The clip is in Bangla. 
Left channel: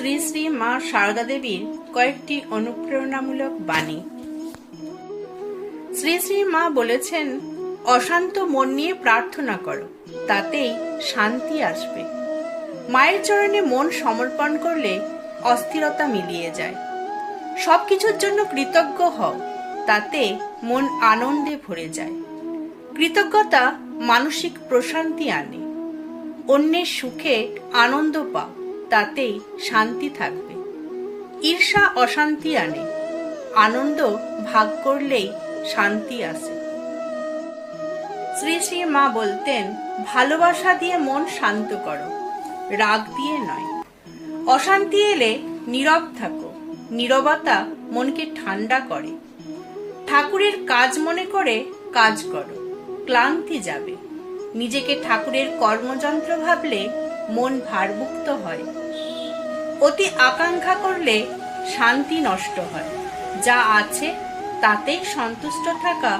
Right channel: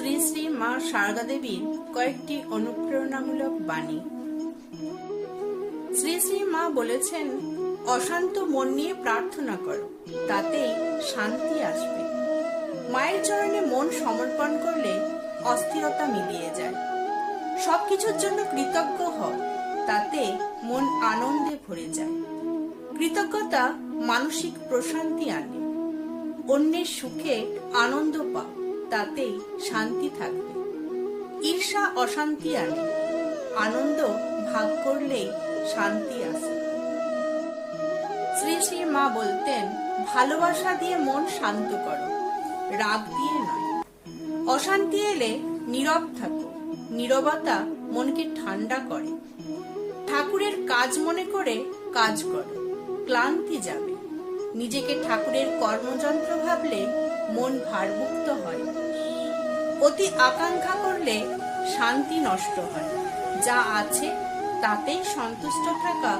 শ্রী শ্রী মা শারদা দেবীর কয়েকটি অনুপ্রেরণামূলক বাণী। শ্রী শ্রী মা বলেছেন, অশান্ত মন নিয়ে প্রার্থনা করো, তাতেই শান্তি আসবে। মায়ের চরণে মন সমর্পণ করলে অস্থিরতা মিলিয়ে যায়। সবকিছুর জন্য কৃতজ্ঞ হও, তাতে মন আনন্দে ভরে যায়। কৃতজ্ঞতা মানসিক প্রশান্তি আনে। অন্যের সুখে আনন্দ পাও, তাতেই শান্তি থাকবে। ঈর্ষা অশান্তি আনে। আনন্দ ভাগ করলেই শান্তি আসে। শ্রী শ্রী মা বলতেন, ভালোবাসা দিয়ে মন শান্ত করো, রাগ দিয়ে নয়। অশান্তি এলে নীরব থাকো, নীরবতা মনকে ঠান্ডা করে। ঠাকুরের কাজ মনে করে কাজ করো, ক্লান্তি যাবে। নিজেকে ঠাকুরের কর্মযন্ত্র ভাবলে মন ভারমুক্ত হয়। অতি আকাঙ্ক্ষা করলে শান্তি নষ্ট হয়। যা আছে তাতেই সন্তুষ্ট থাকা